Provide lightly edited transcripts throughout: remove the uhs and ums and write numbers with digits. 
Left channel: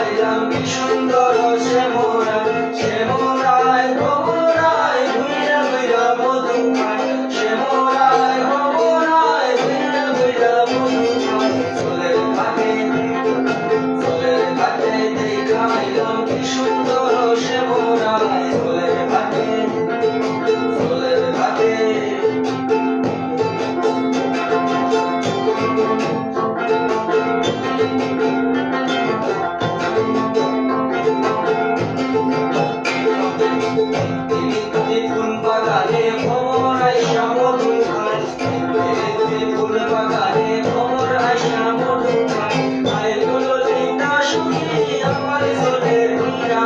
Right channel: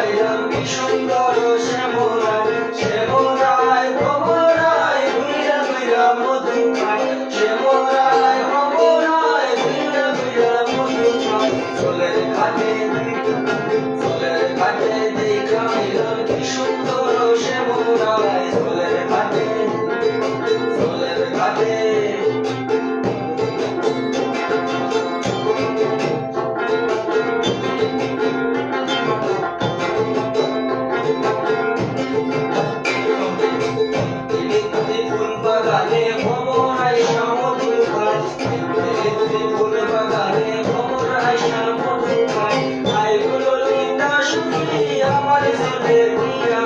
আইলাম কি সুন্দর শ্যামরা শ্যামরায় ভবরায় ঘুইরা ঘুইরা মধু খাই শ্যামরায় ভবরায় ঘুইরা ঘুইরা মধু খাই চলের ঘাটে দেখা আইলাম কি সুন্দর শ্যামরায় চলের ঘাটে ফুল বাগানে ভ্রমর আইসা মধু খাই ফুল বাগানে ভ্রমর আইসা মধু খাই আই গুলো লিন্দা সুখী আমার চলে ঘুইরা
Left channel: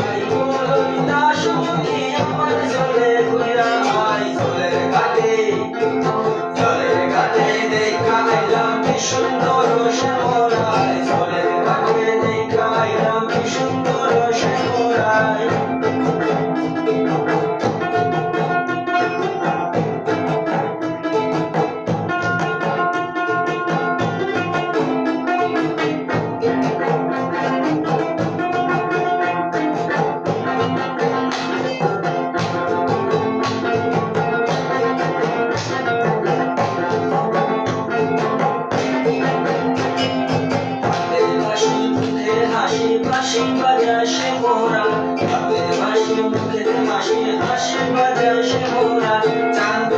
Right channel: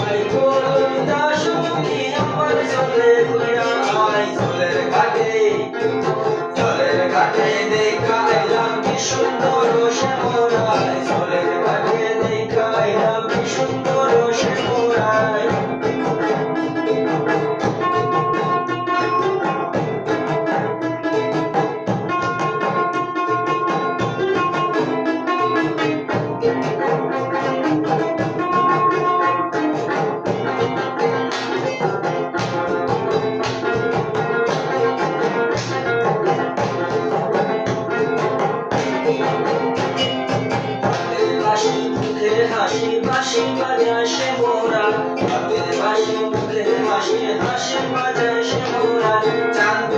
আই গুলো লিন্দা সুখী আমার চলে ঘুইরা আই চলের ঘাটে দেখা আইলাম কি সুন্দর শ্যামরায় চলের ঘাটে দেখা আইলাম কি সুন্দর শ্যামরায় হাসি বাজায় সে মোরা হাতের বাঁশি মুখে হাসি বাজায় সে মোরা চাঁদ